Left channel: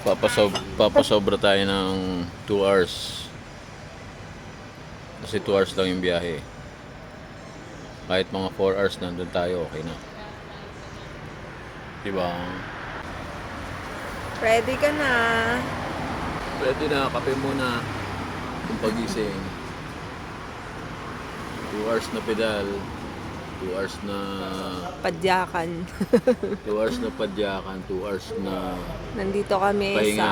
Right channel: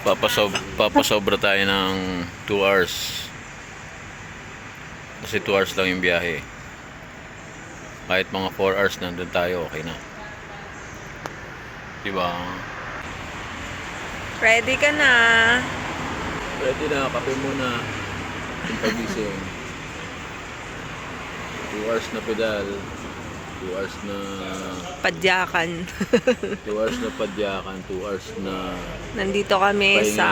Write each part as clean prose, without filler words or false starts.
Papasobra tayo ng 2 hours. Kasi 2 hours lang yung biyahe. Kahit mga 4 hours nandun tayo, okay na. Diba? Ready ka na. Ready na, kape muna. Yung pagising. 2 hours na pedal. 2 hours na Padyakan. 2 hours na padyakan. 2 hours na Nandito kami pahinga. sa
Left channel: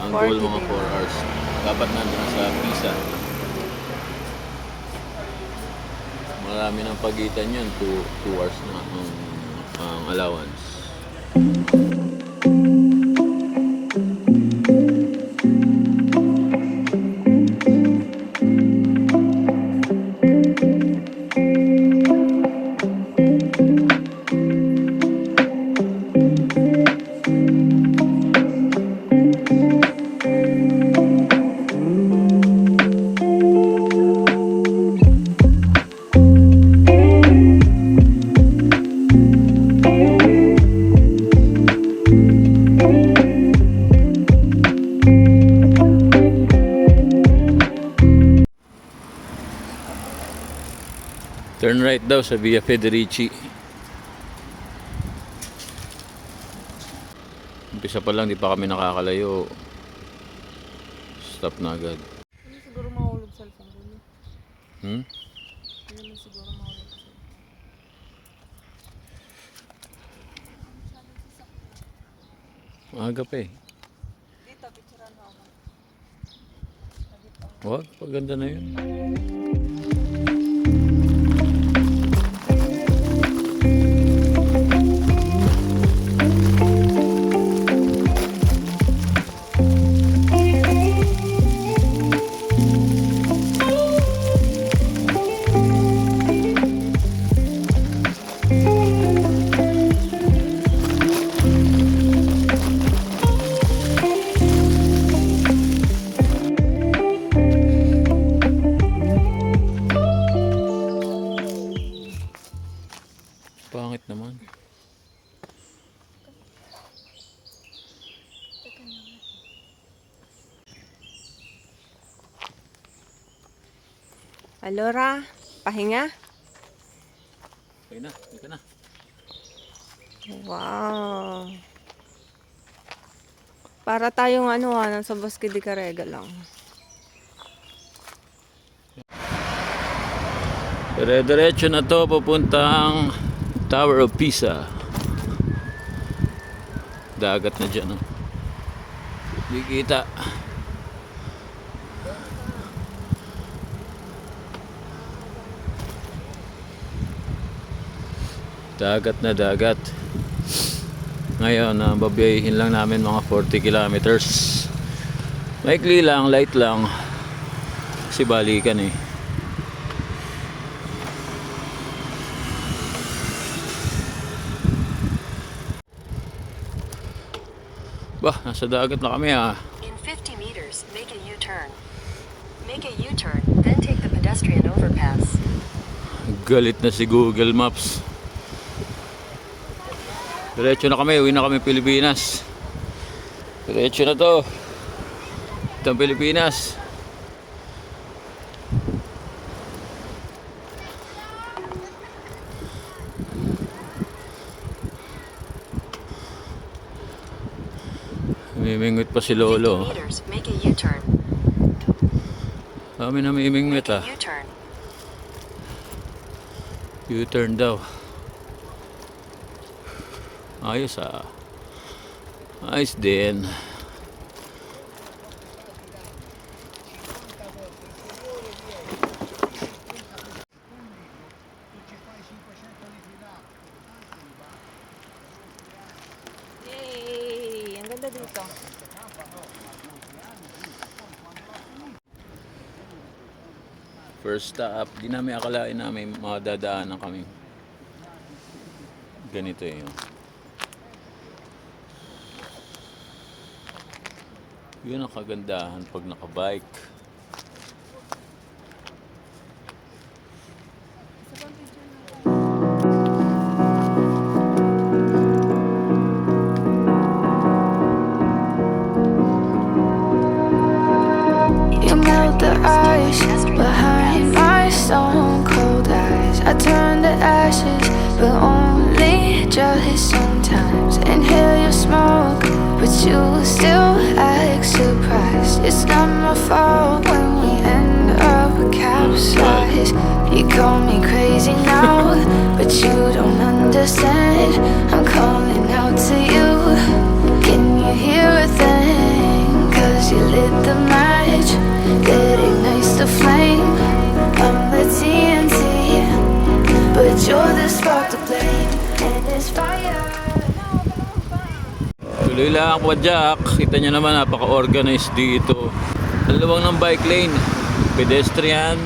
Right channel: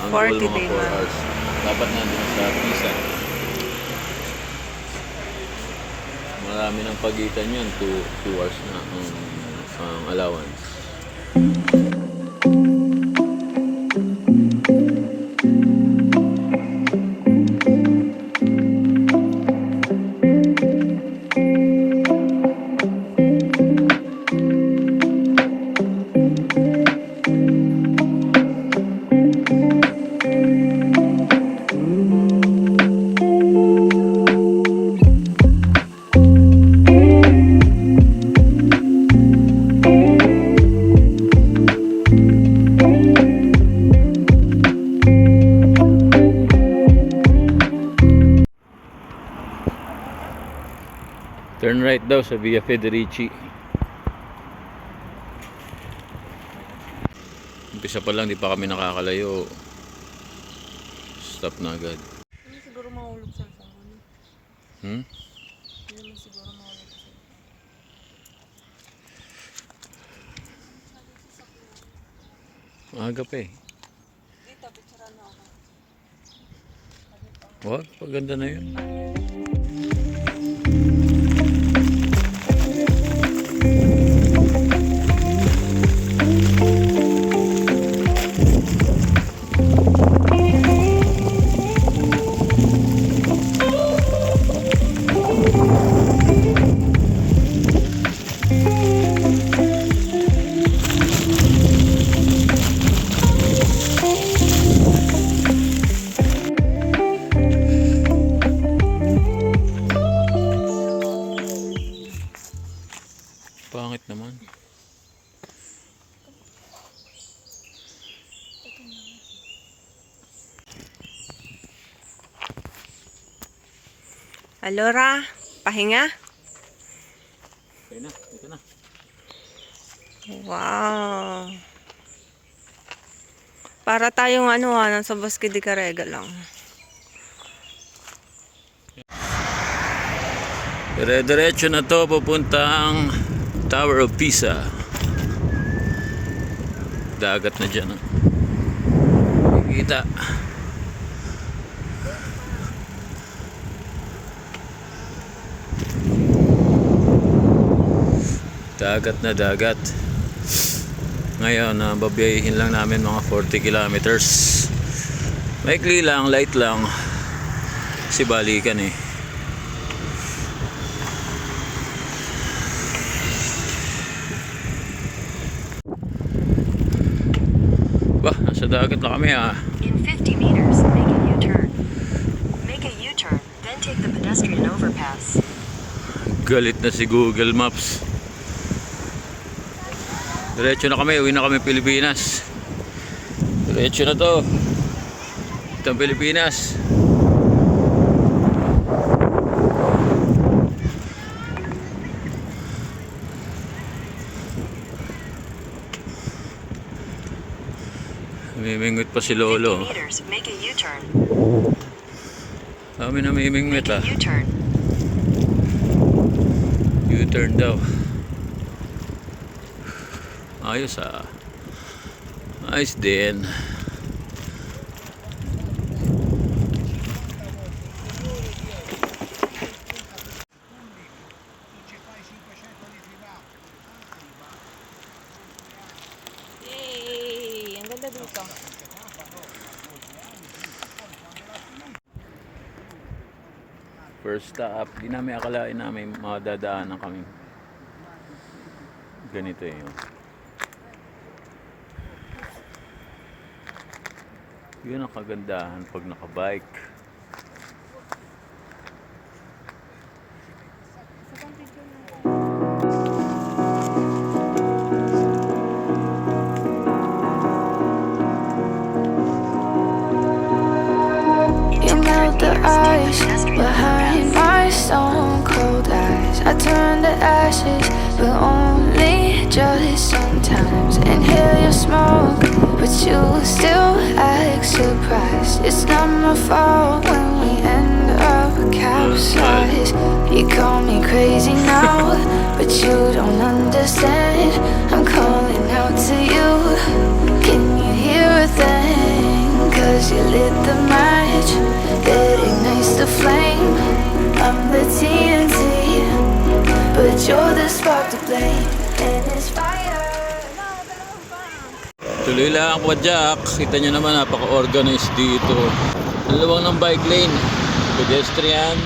Ang goal 40 mga day 4 month. hours. Dapat nandun na sa Pisa. Marami ng pagitan yan. 2 hours na ang allowance. Turn right daw sa Via Federici. Umpisa pa lang, di pa kami nakakalayo. Stop na agad. Hindi siguro mahulog sa cellphone mo. Hmm? Hindi naman siguro mahulog sa cellphone. Maaga pa eh. Dito, picturean mo ako. Wag, paganda na yun. Pangit naman. Alora, pahinga? Okay na, dito na. Wow. Para tayong nasa Bosque de Carrega lang. Dire-diretso na to papuntang Tower of Pisa. Dagat na dyan. Oh. Nakikita. Dagat na dagat. Ngayon, babiyahin lang namin mga 40 kilometers. Maikli lang, light lang. Kasi balikan eh. Bah, nasa dagat na kami ah. In 50 meters, make a U-turn. Make a U-turn, then take the pedestrian overpass. Galit na si Google Maps. Diretso na kami, uwi na kami Pilipinas. Diretso na to. Ito ang Pilipinas. Namimingwit pa si 50 Lolo. meters, make a U-turn. Kami namimingwit Make a ah. U-turn. U-turn daw. Ayos ah. Ayos din. Yay! Ang ganda dito. First stop, di namin akalain namin madadaanan kami. Ganito yun. Yun ang kagandahan pag nakabike. pedestrian behind my stone cold eyes. I turn to ashes, but only just sometimes. Inhale your smoke, but you still act surprised. It's not my fault when we end up capsized. You call me crazy now, but you don't understand. I'm calling out to you. Can you hear a thing? 'Cause you lit the match that ignites the flame. I'm the TNT, but you're the spark to blame. And it's fire. Tuloy lang ako, Jack. Kita nyo naman, napaka-organized dito. Ang luwang ng bike lane. Pedestrian,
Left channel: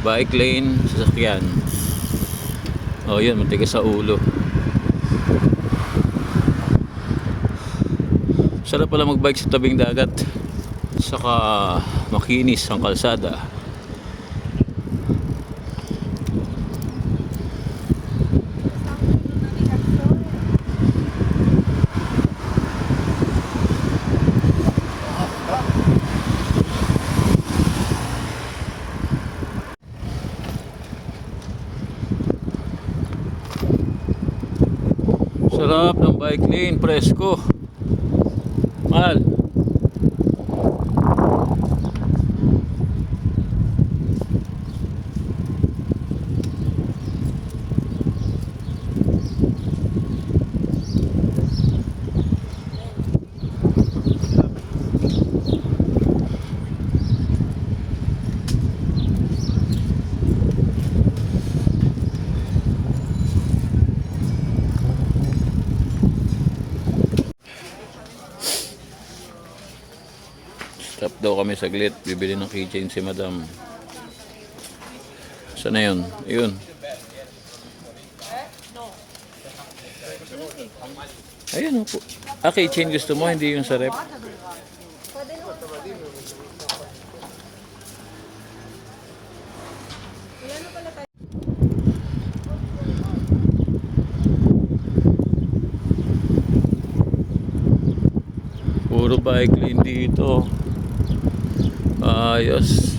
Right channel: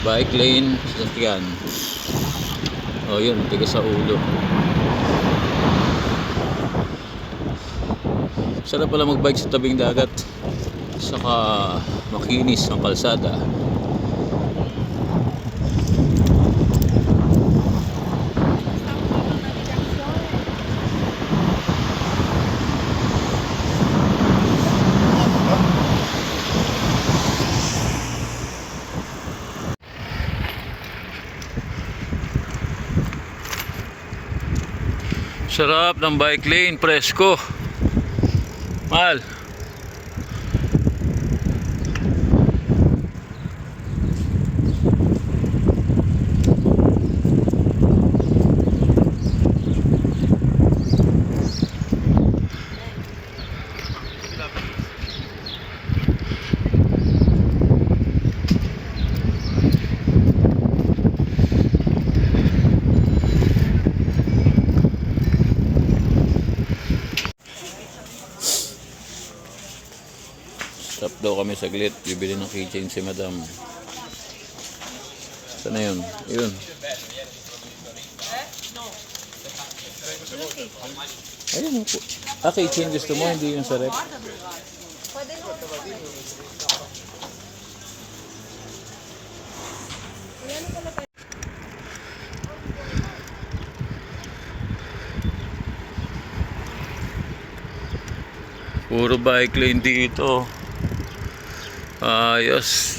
bike lane, sasakyan. Oh, yun, matigas sa ulo. Sarap pala magbike sa tabing dagat. Saka makinis ang kalsada. Sarap ng bike lane, presko. Mahal. Stop daw kami saglit. Bibili ng keychain si madam. Saan na yun? Yun. Ayun po. Ah, keychain gusto mo? Hindi yung sa rep. Puro bike lane dito. Ayos.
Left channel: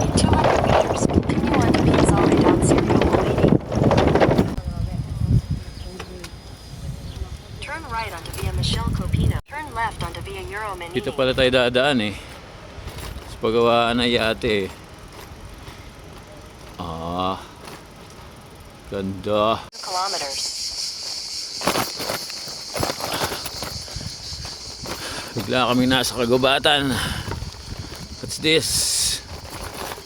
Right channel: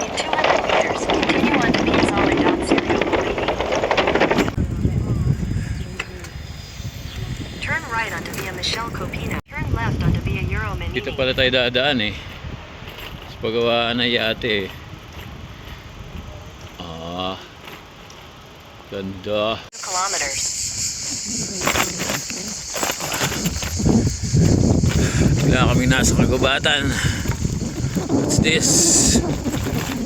In 200 meters, continue on to Piazzale Don Sirio Politi. Turn right onto Via Michel Copino. Turn left onto Via Euro Menini. Dito pala tayo dadaan eh. Sa pagawaan na yate eh. Ah. Ganda. 2 kilometers. Wala kami nasa kagubatan. What's this?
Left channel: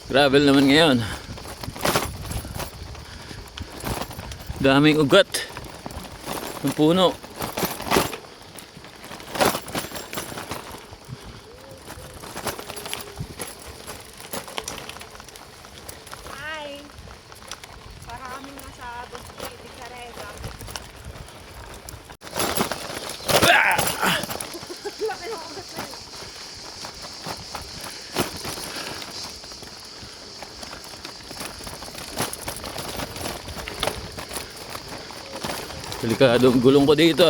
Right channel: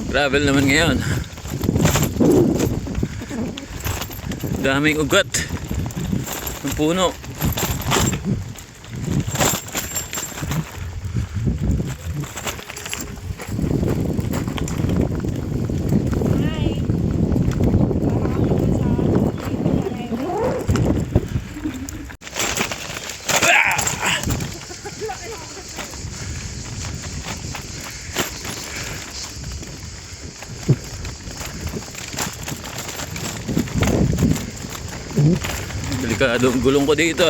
Gravel naman ngayon. Daming ugat ng puno. Delikado ang gulong ko dito.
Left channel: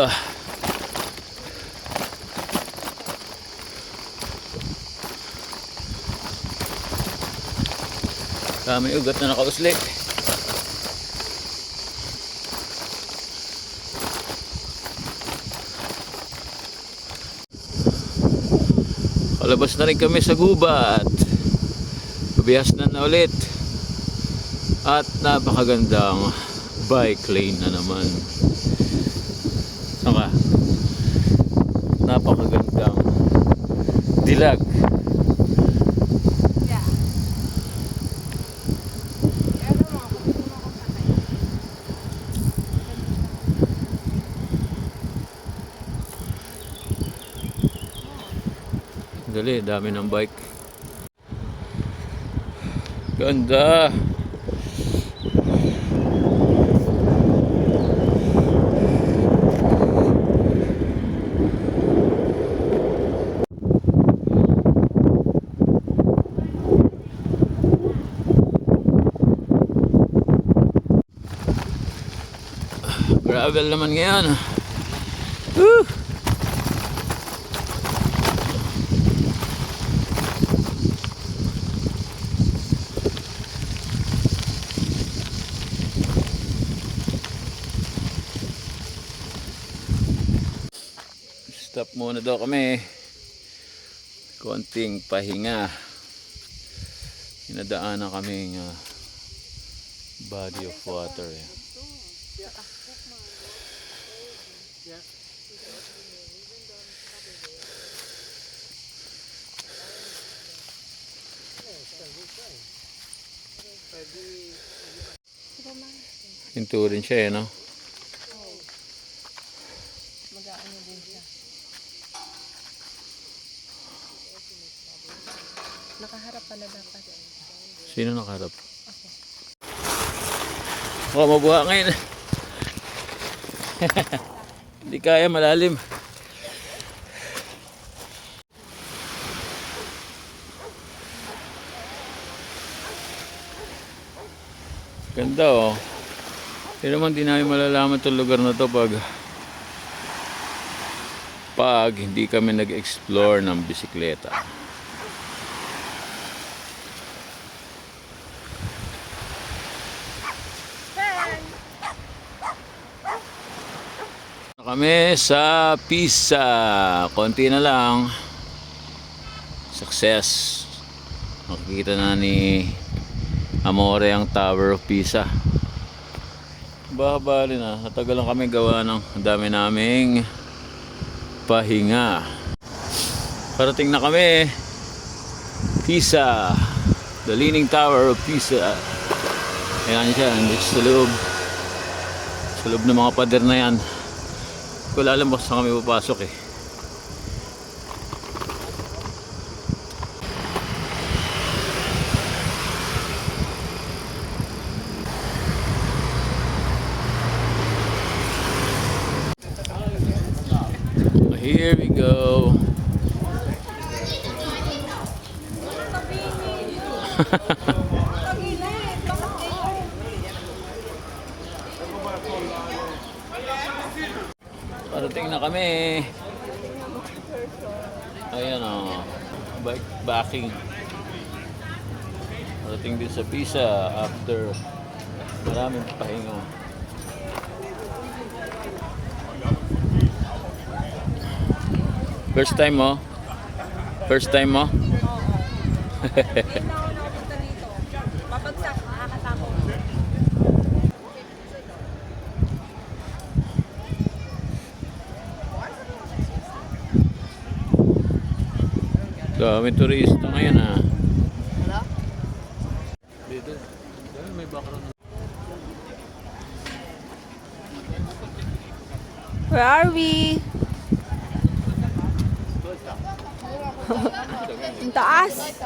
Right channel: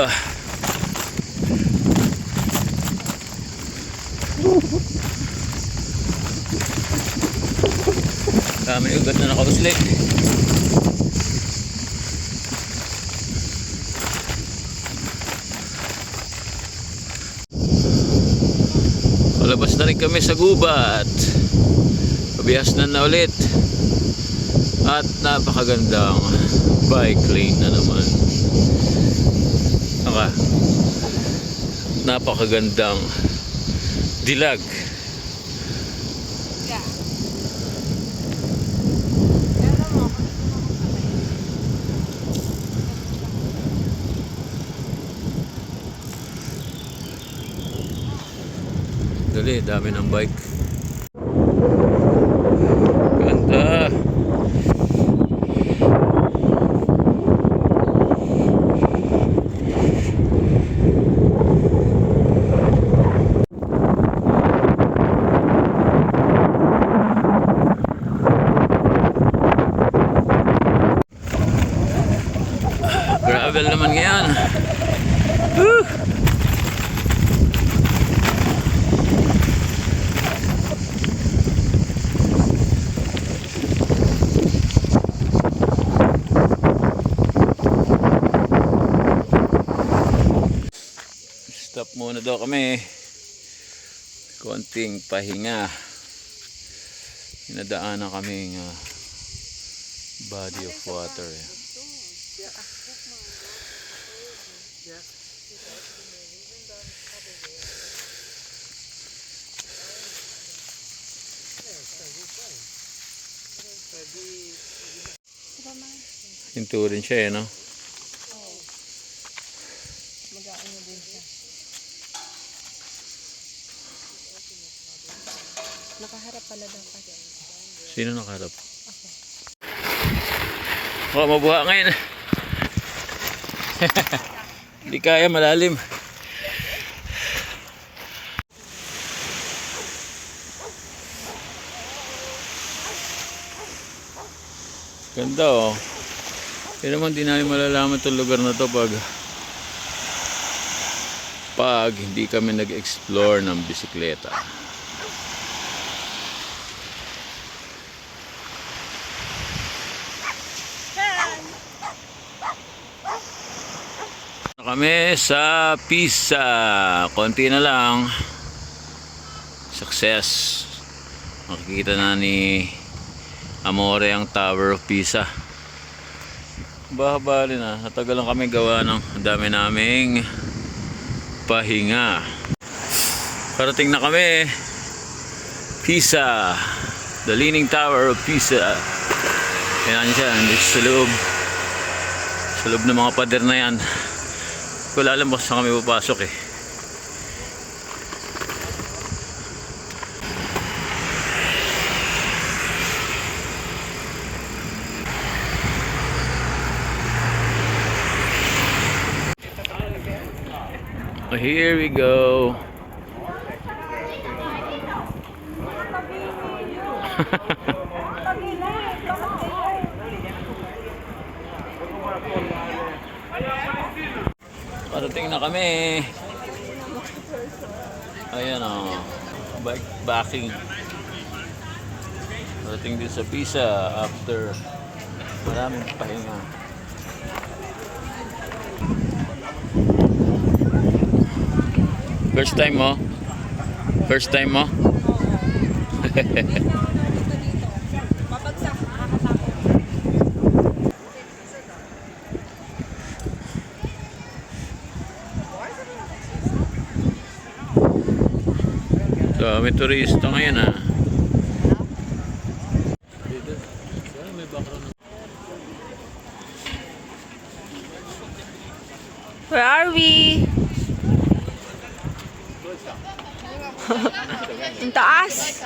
Dami ugat na nakausli. Palabas na rin kami sa gubat. Pabihas na ulit. At napakagandang bike lane na naman. Napakagandang dilag. Dali, dami ng bike. Ganda. Bagal naman ngayon. Woo! Stop muna daw kami. Konting pahinga. Inadaanan kaming body of water. Hinto rin siya no? Nakaharap pala dapat. Sino nakaharap? Ako. Mabuha ngayon. Hindi kaya, malalim. Ganda oh. Pero naman di namin malalaman itong lugar na to pag hindi kami nag-explore ng bisikleta. Kami sa Pisa. Konti na lang. Success. Makikita na ni Amore ang Tower of Pisa. Bahabali na. Natagal lang kami gawa ng dami naming pahinga. Parating na kami. Pisa. The Leaning Tower of Pisa. Ayan siya. Nandito sa loob. Sa loob ng mga pader na yan. Wala alam baka saan kami papasok eh. Here we go. Parating na kami. Ayan o. Bike backing. Parating din sa Pisa after maraming pahinga. First time mo? First time mo? Mapagsak, nakakatakot. May turista ngayon ah. Dito. May background. Where are we? Ang taas.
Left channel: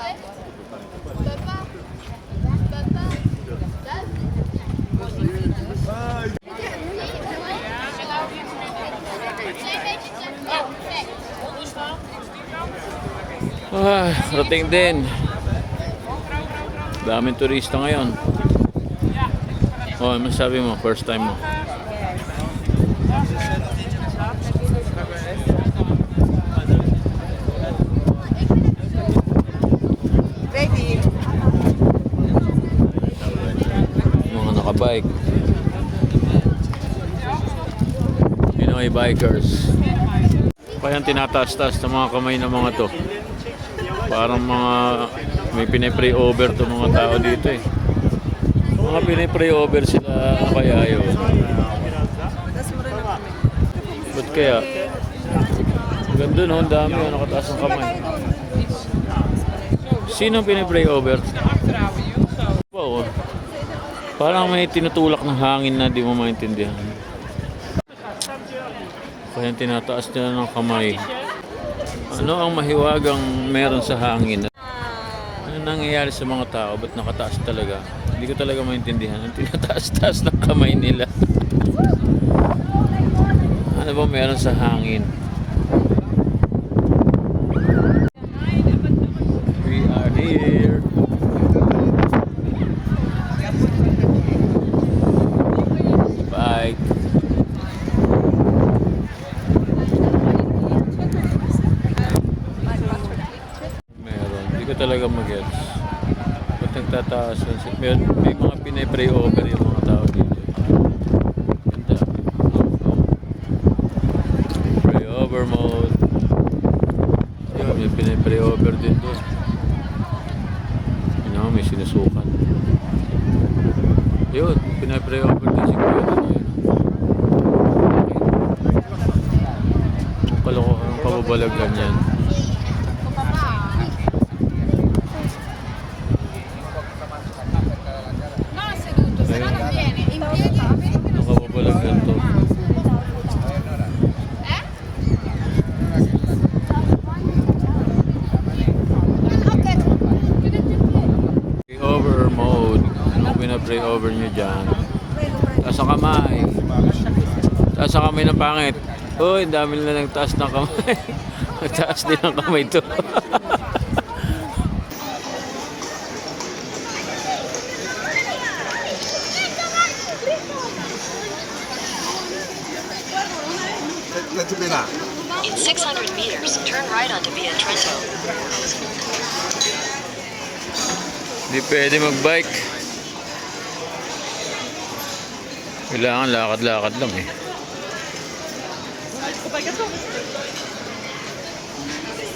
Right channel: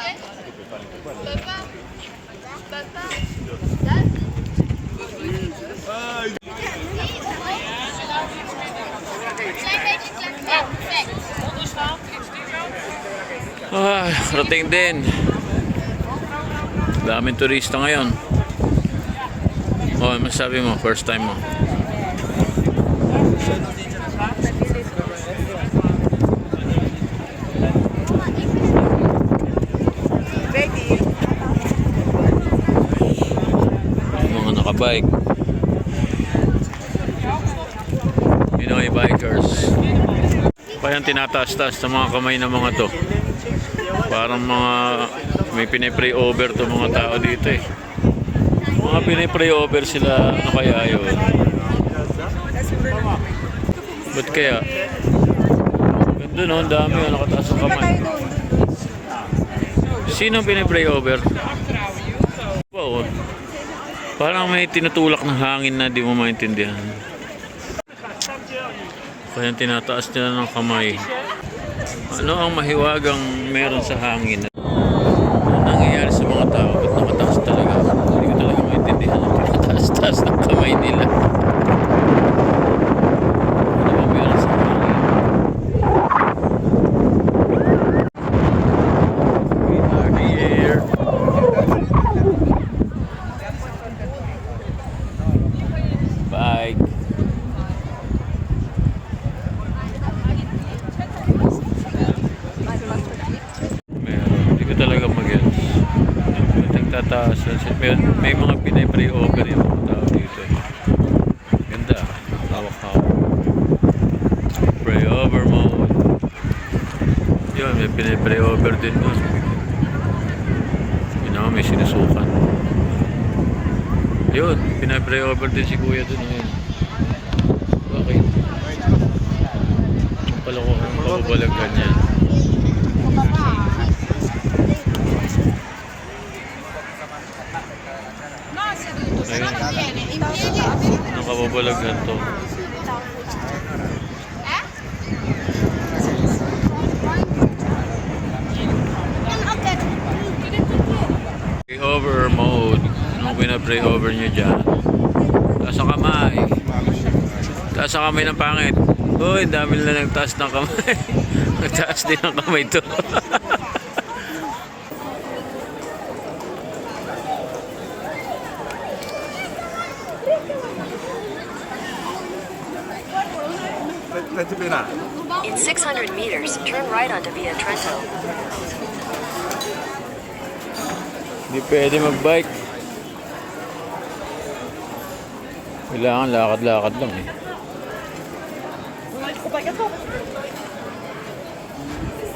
Rating din. Daming turista ngayon. Oh, ano masabi mo? First time mo? Mga nakabike. Pinoy bikers. Kaya tinataas-taas sa mga kamay ng mga to. Parang mga may pinay-pray over to mga tao dito eh. Mga pinay-pray over sila, ano kaya yun? Ba't kaya? Ganda no, ang dami yun, nakataas ang kamay. Sino ang pinay-pray over? Wow, parang may tinutulak ng hangin na di mo maintindihan. Kaya tinataas nila ng kamay. Ano ang mahiwagang meron sa hangin? Ano nangyayari sa mga tao? Ba't nakataas talaga? Hindi ko talaga maintindihan. Tinataas-taas ng kamay nila. Ano ba meron sa hangin? We are here. Bye. ko talaga mag-gets. Ba't nagtataas lang siya? May mga pinay-pray over yung mga tao dito eh. Ganda. Pray over mode. Yun, may pinay-pray over din dun. Yun naman, may sinusukan. Yun, pinay-pray over din si Kuya dun yun. Okay. Ang palokohan ng pababalaghan yan. Ayun. Ang kababalaghan to. Pray over mode. Anong pinapray over nyo dyan? Taas ang kamay. Taas ang kamay ng pangit. Uy, dami nila nagtaas ng kamay. Nagtaas din ang kamay to. In 600 meters, turn right onto Via Trento. Hindi pwede mag-bike. Kailangan lakad-lakad lang eh.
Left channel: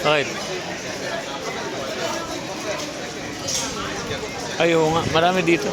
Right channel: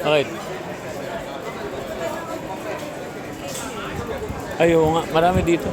Bakit? Ayaw nga, marami dito.